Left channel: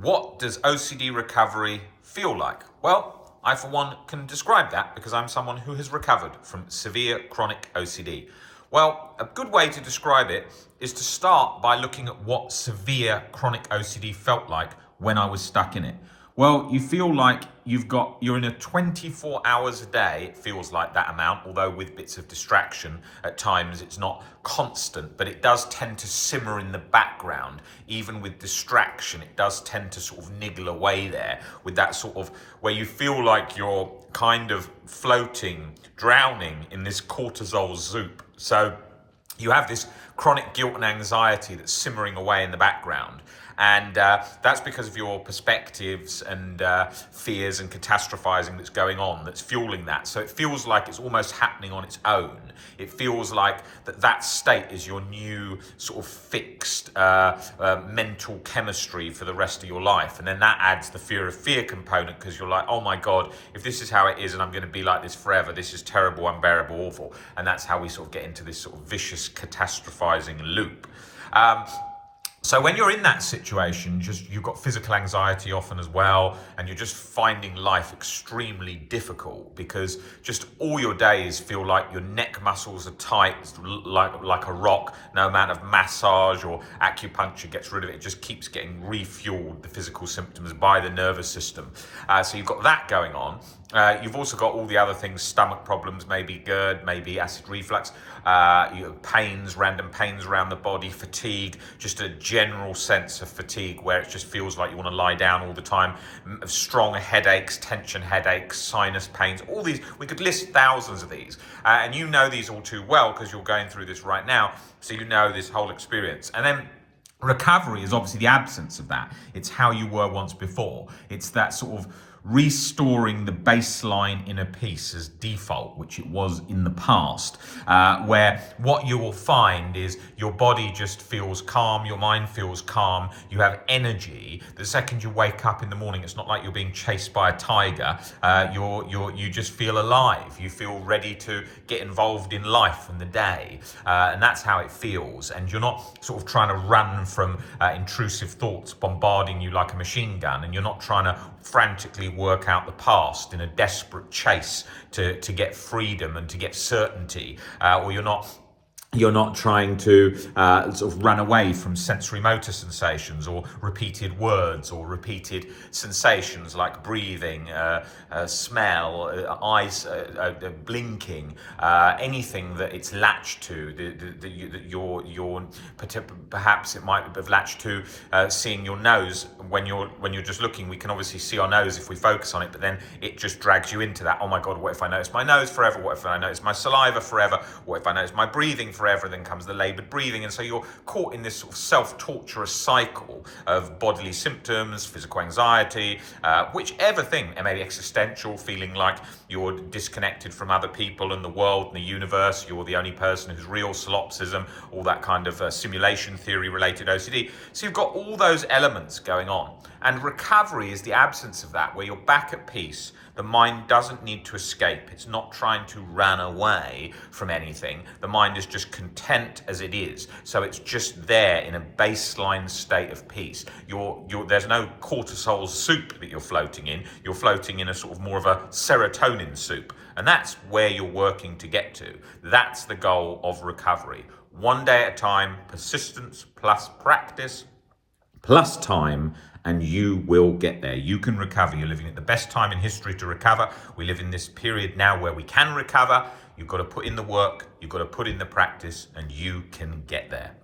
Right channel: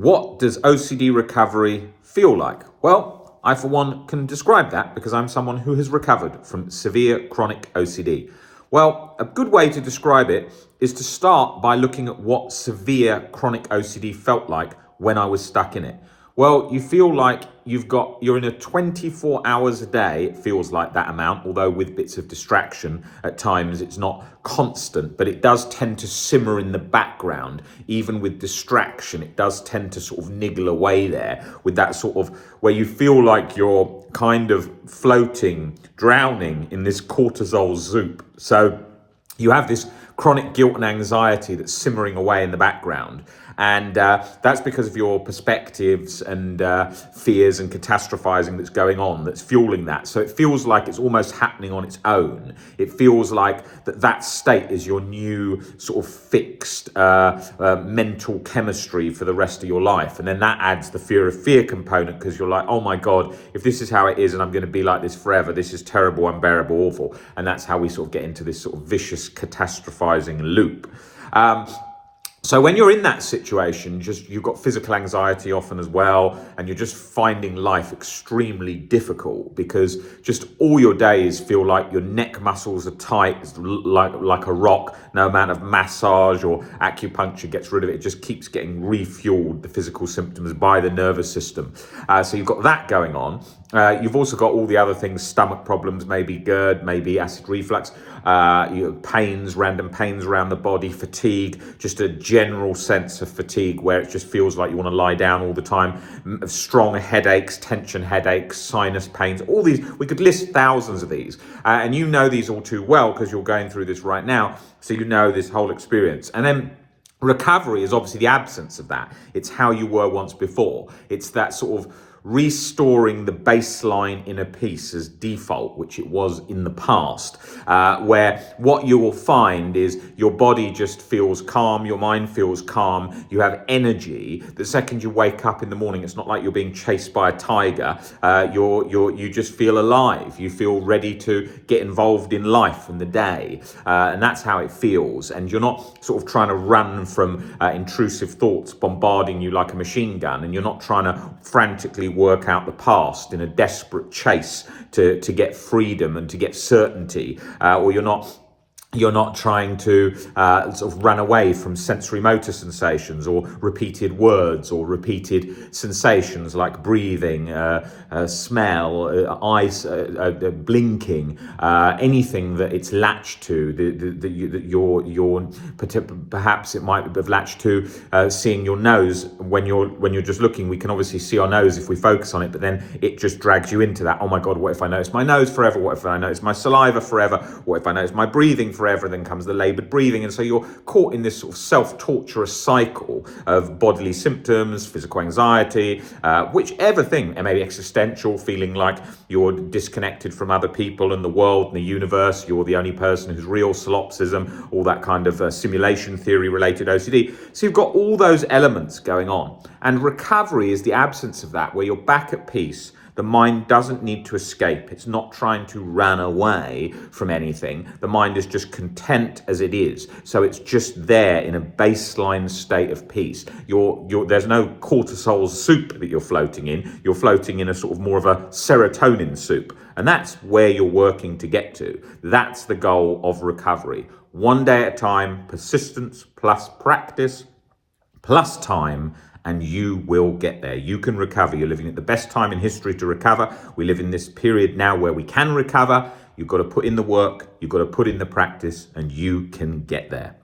What does OCD recovery feel like? Well, I for one can describe that because I'm someone who has recovered from severe chronic OCD. Well, a good way to describe it is to start by looking at what severe chronic OCD felt like when I was stuck in it. Well, you feel like you're in a 24 hours a day, it feels like that amount, although with bits of distraction at times it's not constant, but it does tend to simmer in the background. Even with distraction, it does tend to sort of niggle away there with that sort of where you feel like you're kind of floating, drowning in this cortisol soup. So you have this chronic guilt and anxiety that's simmering away in the background. And that's because of your perspectives and fears and catastrophizing that's going on, that's fueling that. So it feels like it's almost happening on its own. It feels like that state is your new sort of fixed mental chemistry for the rest of your life. And then that adds the fear component because you're like, oh my God, if this is how it is and I'm going to be like this forever, this is terrible, unbearable, awful. And that's how we sort of get into this sort of vicious catastrophizing loop. So when you're in that situation, you've got physical anxiety often as well, and you're just finding life extremely difficult because just all your days feel like your neck muscles are tight, like a rock. No amount of massage or acupuncture gets rid of it. It just keeps getting refueled, the physical symptoms, by the nervous system. So you've got that going on. You've also got all the other things, stomach problems, maybe GERD, maybe acid reflux, pains, random pains around the body, fatigue, just a general sense of fatigue where it just feels like you want to lie down all the time, strong headaches, tension headaches, sinus pains, all these. We could list thousands of these, and you know these all too well because you're going through this right now, so you know this whole experience. And then recovery is obviously the absence of that. It's how you were once before. It's that sort of restoring the baseline inner peace as default, which it was in the past, where what you will find is your body just feels calm, your mind feels calm, you have energy. The second you wake up in the morning, it's not like you're being chased by a tiger. You just feel alive. You feel ready to get involved in life and the day, and that's how it feels. And you're not sort of trying to run from intrusive thoughts bombarding you like a machine gun, and you're not trying to frantically work out the past in a desperate chase to get freedom and to get certainty, or you're not trying to sort of run away from sensory motor sensations or repeated words or repeated sensations like breathing, smell, eyes blinking, anything that it's latched to, perhaps it might have latched to seeing your nose when you're just looking. We can obviously see our nose if we focus on it, but then it just drags you into that. Oh my God, what if I notice my nose forever? What if I notice my saliva forever? What if I notice my breathing forever? Then comes the labored breathing. And so you're caught in this sort of self-torturous cycle of bodily symptoms, physical anxiety, whichever thing, and maybe existential, feeling like you're disconnected from other people and the world and the universe. You're the only person who's real, solipsism, all that kind of simulation theory related OCD. So you've got all those elements going on. And recovery is the absence of that, where you're back at peace. The mind doesn't need to escape. It's not trying to run away from anything. The mind is just content as it is. So it's just there in a baseline state of peace. There's no cortisol soup that you're floating in. You're floating in a sort of more of a serotonin soup. And that's where you're working to get to. That's the goal of recovery. One day at a time, persistence plus practice plus time, and you will get there. You can recover. You're living at the best time in history to recover. We live in this period now where we can recover. You've got to put in the work, you've got to put in the practice, and you can get there.